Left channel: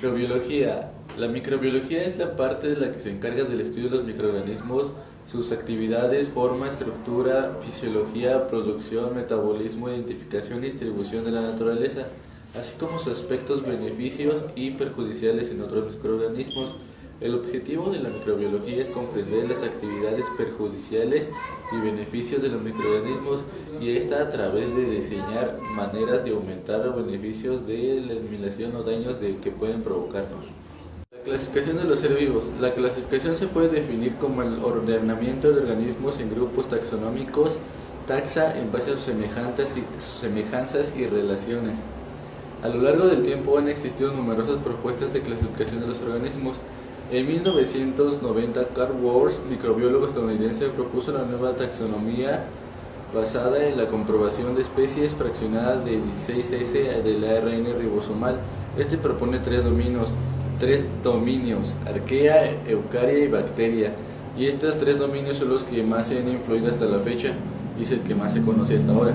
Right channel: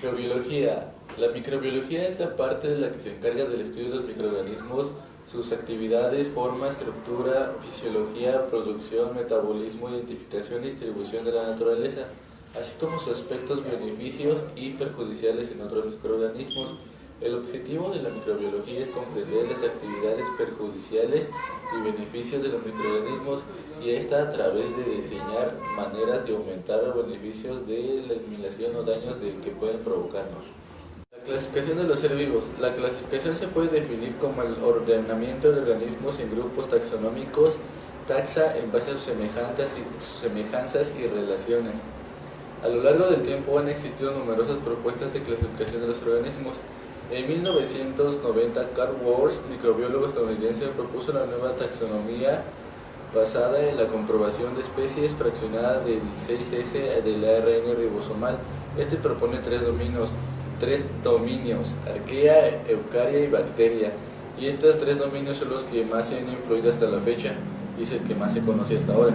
Microbiología. La microbiología es la parte de la que se encarga del estudio de los microorganismos, sus actividades, forma, estructura, fisiología, producción, metabolismo, identificación y distribución de la naturaleza, así como sus aspectos beneficios y perjudiciales en otros microorganismos. El objetivo de la microbiología es comprender las actividades perjudiciales y beneficios de los microorganismos, y esta a través de diseñar maneras de aumentar los beneficios de la eliminación o daños que pueden provocarnos. La clasificación de los seres vivos. La clasificación se puede definir como el ordenamiento de organismos en grupos taxonómicos, taxa, en base a sus semejanzas y relaciones. A lo largo del tiempo han existido numerosas propuestas de clasificación de los organismos. En 1990, Carl Woerth, microbiólogo estadounidense, propuso la nueva taxonomía basada en la comprobación de especies fraccionadas de 16S del ARN ribosomal. Este propone tres dominios: arquea, eucaria y bacteria, y estos tres dominios son los que más se han influido hasta la fecha, y es el que más se conoce hasta ahora.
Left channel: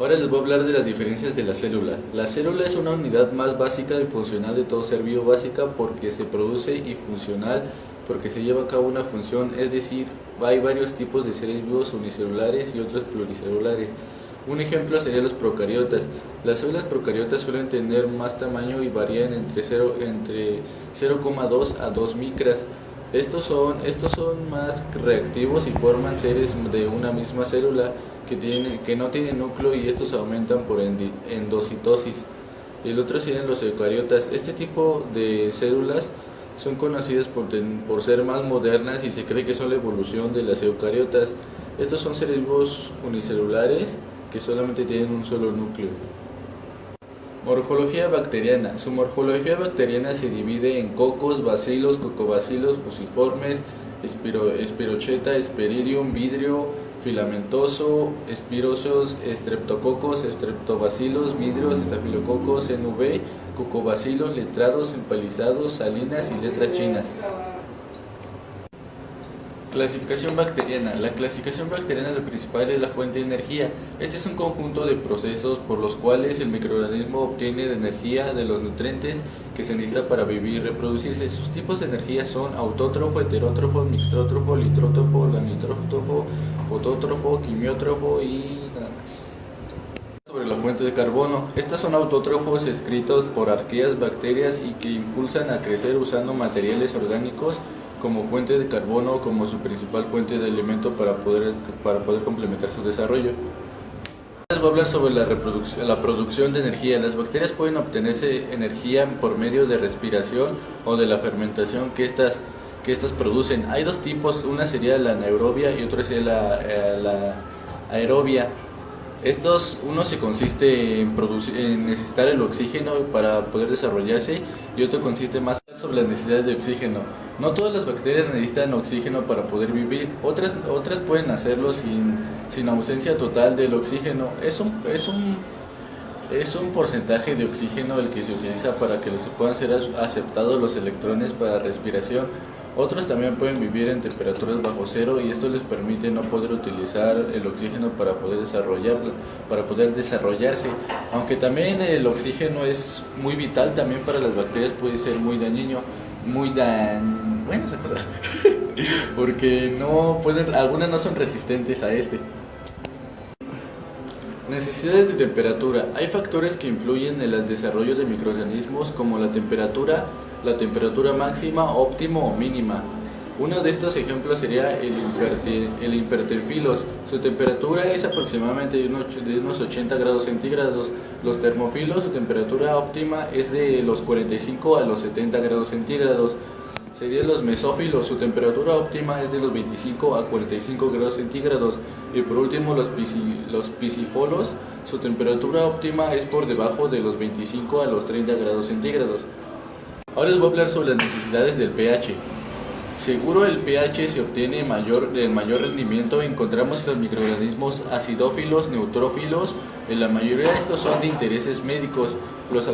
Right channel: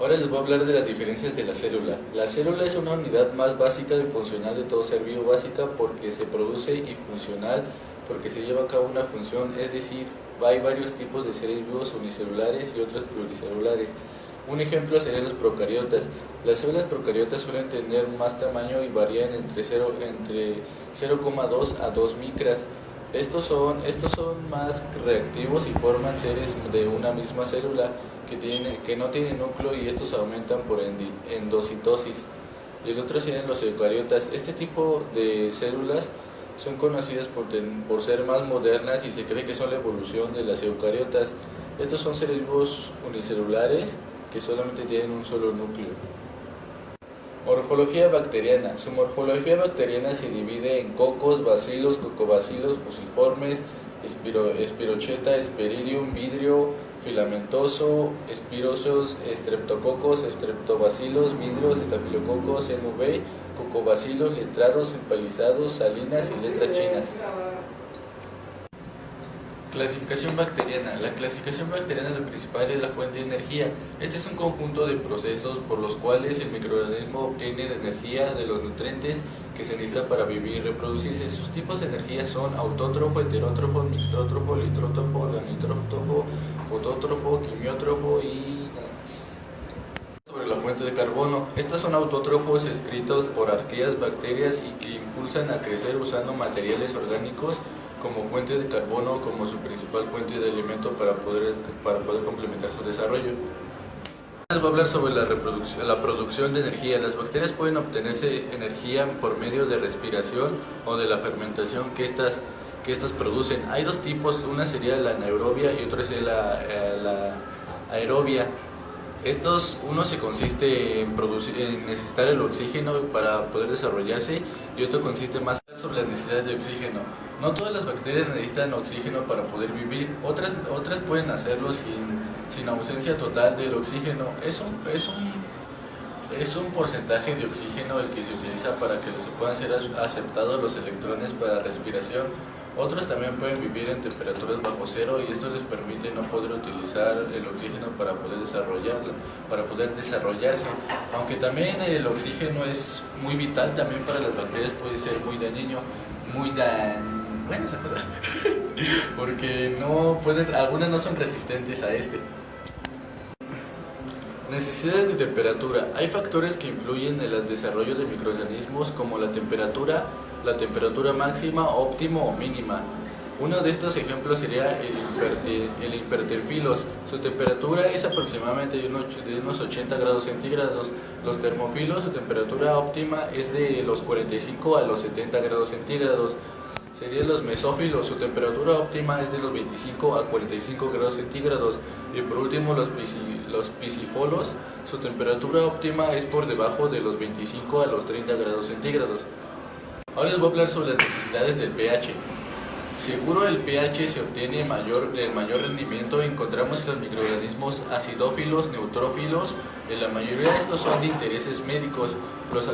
Ahora les voy a hablar de las diferencias de la célula. La célula es una unidad más básica y funcional de todo ser vivo, básica porque se produce, y funcional porque se lleva a cabo una función, es decir, hay varios tipos de seres vivos unicelulares y otros pluricelulares. Un ejemplo serían los procariotas. Las células procariotas suelen tener más tamaño y varían entre 0,2 a 2 micras. Estos son más reactivos y forman seres de una misma célula que no tienen núcleo, y estos aumentan por endocitosis. Y el otro serían los eucariotas. Este tipo de células son conocidas por ser más modernas, y se cree que son la evolución de las eucariotas. Estos son seres vivos unicelulares que solamente tienen un solo núcleo. Morfología bacteriana. Su morfología bacteriana se divide en cocos, bacilos, cocobacilos, fusiformes, espirocheta, espiridium, vidrio, filamentoso, espiroceos, estreptococos, estreptobacilos, vidrios, estafilococos, NV, cocobacilos, letrados, empalizados, salinas y letras chinas. Clasificación bacteriana. La clasificación bacteriana lo principal es la fuente de energía. Este es un conjunto de procesos por los cuales el microorganismo obtiene la energía de los nutrientes que se necesita para vivir y reproducirse. Sus tipos de energía son autótrofo, heterótrofo, mixtótrofo, litrótrofo, anisótrofo, fotótrofo, quimiótrofo y nada más. Sobre la fuente de carbono. Estos son autótrofos escritos por arqueas, bacterias, y que impulsan a crecer usando materiales orgánicos como fuente de carbono como su principal fuente de alimento para poder complementar su desarrollo. Les voy a hablar sobre la producción de energía. Las bacterias pueden obtenerse energía por medio de respiración o de la fermentación que estas producen. Hay dos tipos, una sería la anaerobia y otra sería la aerobia. Uno se consiste en necesitar el oxígeno para poder desarrollarse, y otro consiste más sobre las necesidades de oxígeno. No todas las bacterias necesitan oxígeno para poder vivir, otras pueden hacerlo sin ausencia total del oxígeno. Es un porcentaje de oxígeno el que se utiliza para que puedan ser aceptados los electrones para respiración. Otros también pueden vivir en temperaturas bajo cero, y esto les permite no poder utilizar el oxígeno para poder desarrollarse. Aunque también el oxígeno es muy vital, también para las bacterias puede ser muy dañino, bueno, esa cosa, porque algunas no son resistentes a este. Necesidades de temperatura. Hay factores que influyen en el desarrollo de microorganismos, como la temperatura máxima, óptima o mínima. Uno de estos ejemplos sería el hiperterfilos. Su temperatura es aproximadamente de unos 80 grados centígrados. Los termofilos, su temperatura óptima es de los 45 a los 70 grados centígrados. Serían los mesófilos, su temperatura óptima es de los 25 a 45 grados centígrados. Y por último, los pisifolos, su temperatura óptima es por debajo de los 25 a los 30 grados centígrados. Ahora les voy a hablar sobre las necesidades del pH. Seguro el pH se obtiene el mayor rendimiento. Encontramos que los microorganismos acidófilos, neutrófilos, en la mayoría de estos son de intereses médicos. Los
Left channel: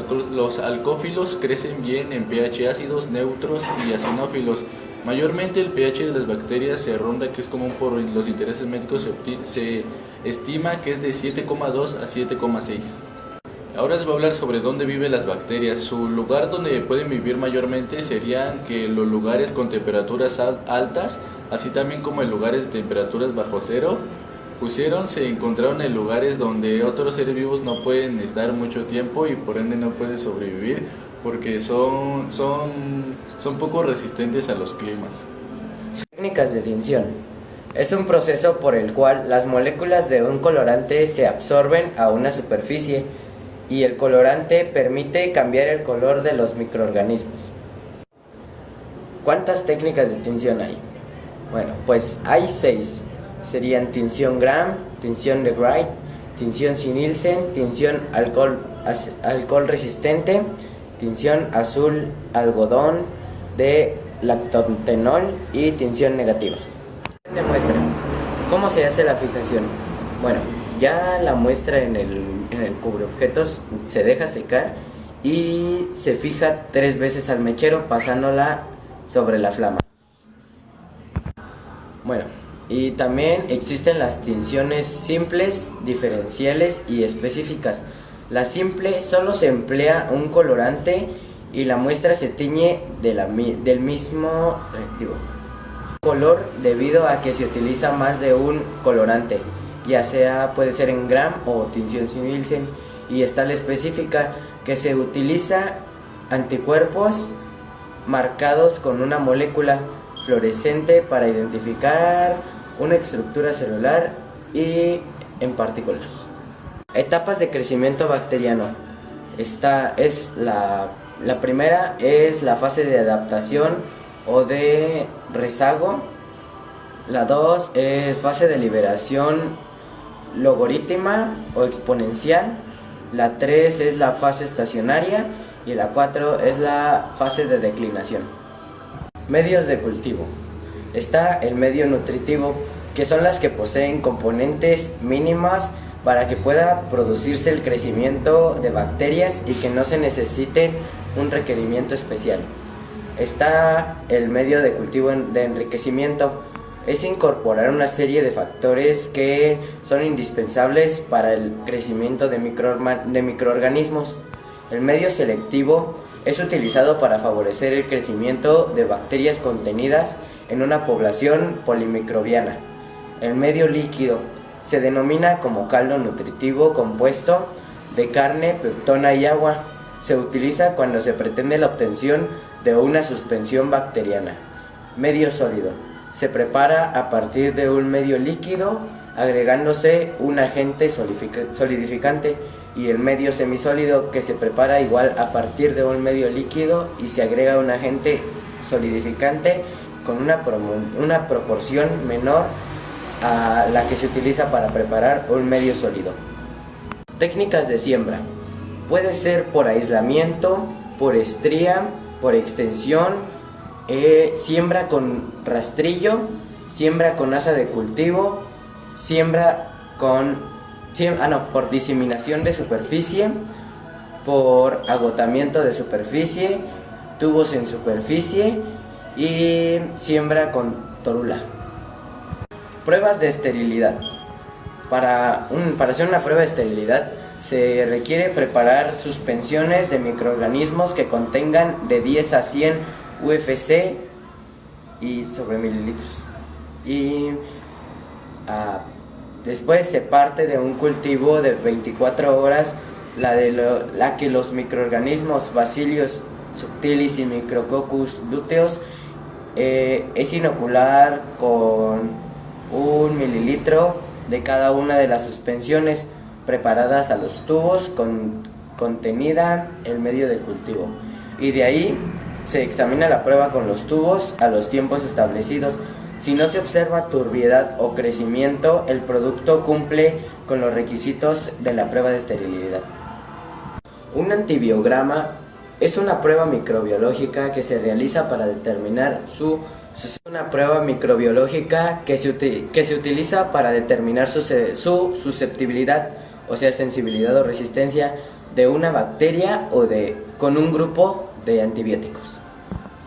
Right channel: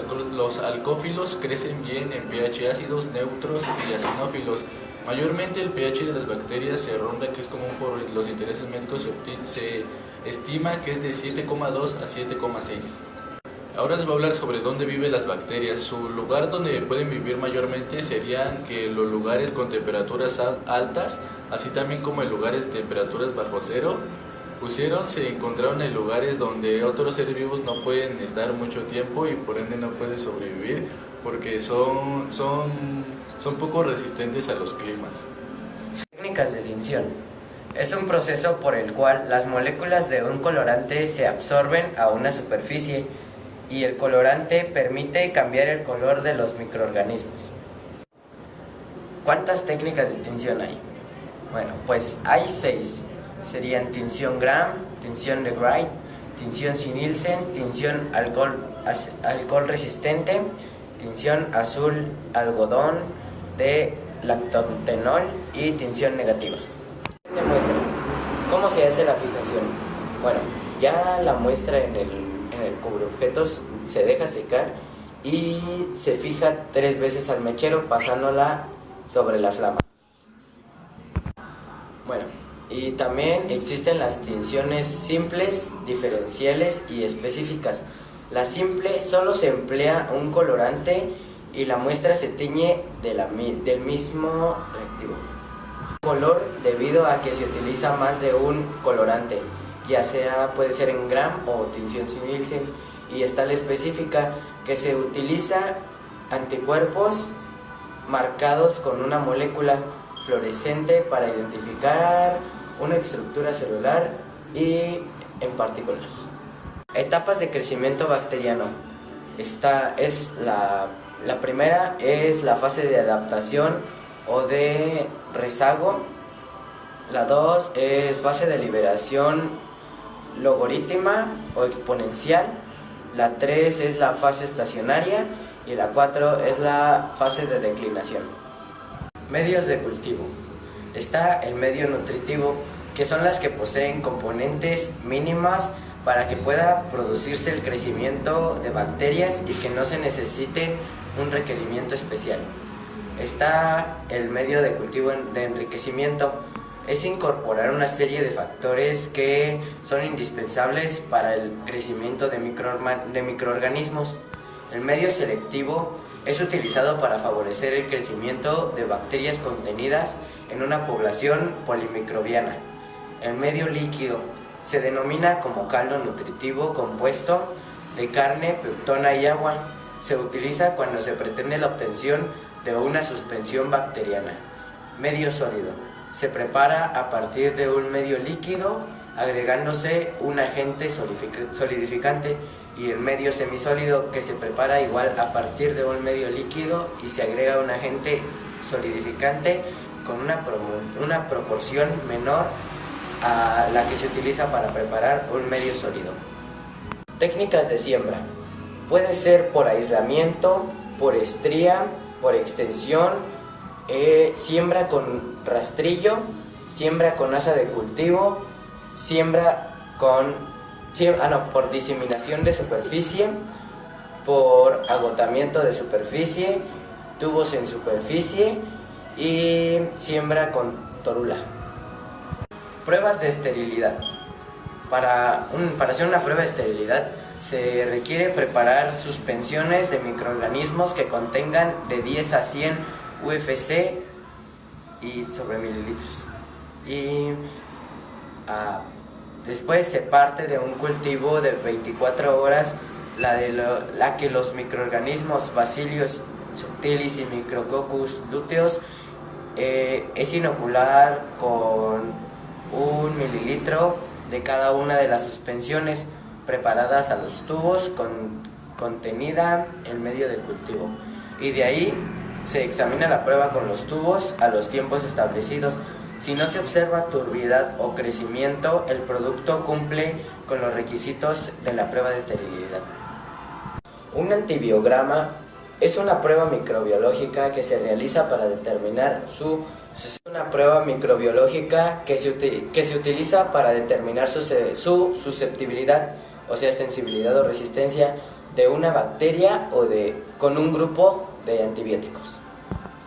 alcófilos crecen bien en pH ácidos, neutros y acinófilos. Mayormente el pH de las bacterias se ronda, que es común por los intereses médicos, se estima que es de 7,2 a 7,6. Ahora les voy a hablar sobre dónde viven las bacterias. Su lugar donde pueden vivir mayormente serían que los lugares con temperaturas altas, así también como en lugares de temperaturas bajo cero. Se encontraron en lugares donde otros seres vivos no pueden estar mucho tiempo y por ende no pueden sobrevivir porque son poco resistentes a los climas. Técnicas de tinción. Es un proceso por el cual las moléculas de un colorante se absorben a una superficie y el colorante permite cambiar el color de los microorganismos. ¿Cuántas técnicas de tinción hay? Bueno, pues hay 6. Serían tinción Gram, tinción de Wright, tinción Nielsen, tinción alcohol resistente, tinción azul algodón de lactotenol y tinción negativa. La muestra. ¿Cómo se hace la fijación? Bueno, ya la muestra en el cubreobjetos se deja secar y se fija 3 veces al mechero pasándola sobre la flama. Bueno, y también existen las tinciones simples, diferenciales y específicas. La simple solo se emplea un colorante y la muestra se tiñe del mismo color debido a que se utiliza más de un colorante, ya sea puede ser en Gram o tinción Nielsen. Y está la específica, que se utiliza anticuerpos marcados con una molécula fluorescente para identificar una estructura celular y en particular. Etapas de crecimiento bacteriano. La primera es la fase de adaptación o de rezago. La 2 es fase de liberación logaritma o exponencial. La 3 es la fase estacionaria y la 4 es la fase de declinación. Medios de cultivo. Está el medio nutritivo, que son las que poseen componentes mínimas para que pueda producirse el crecimiento de bacterias y que no se necesite un requerimiento especial. Está el medio de cultivo de enriquecimiento. Es incorporar una serie de factores que son indispensables para el crecimiento de microorganismos. El medio selectivo es utilizado para favorecer el crecimiento de bacterias contenidas en una población polimicrobiana. El medio líquido se denomina como caldo nutritivo compuesto de carne, peptona y agua. Se utiliza cuando se pretende la obtención de una suspensión bacteriana. Medio sólido. Se prepara a partir de un medio líquido agregándose un agente solidificante, y el medio semisólido, que se prepara igual a partir de un medio líquido y se agrega un agente solidificante con una proporción menor a la que se utiliza para preparar un medio sólido. Técnicas de siembra. Puede ser por aislamiento, por estría, por extensión, siembra con rastrillo, siembra con asa de cultivo, por diseminación de superficie, por agotamiento de superficie, tubos en superficie y siembra con torula. Pruebas de esterilidad. Para hacer una prueba de esterilidad se requiere preparar suspensiones de microorganismos que contengan de 10 a 100 UFC y sobre mililitros. Después se parte de un cultivo de 24 horas, la que los microorganismos Bacillus subtilis y Micrococcus luteus es inocular con 1 mililitro de cada una de las suspensiones preparadas a los tubos contenida en medio del cultivo, y de ahí se examina la prueba con los tubos a los tiempos establecidos. Si no se observa turbiedad o crecimiento, el producto cumple con los requisitos de la prueba de esterilidad. Un antibiograma es una prueba microbiológica que se realiza para determinar una prueba microbiológica que se utiliza para determinar su susceptibilidad, o sea, sensibilidad o resistencia de una bacteria con un grupo de antibióticos.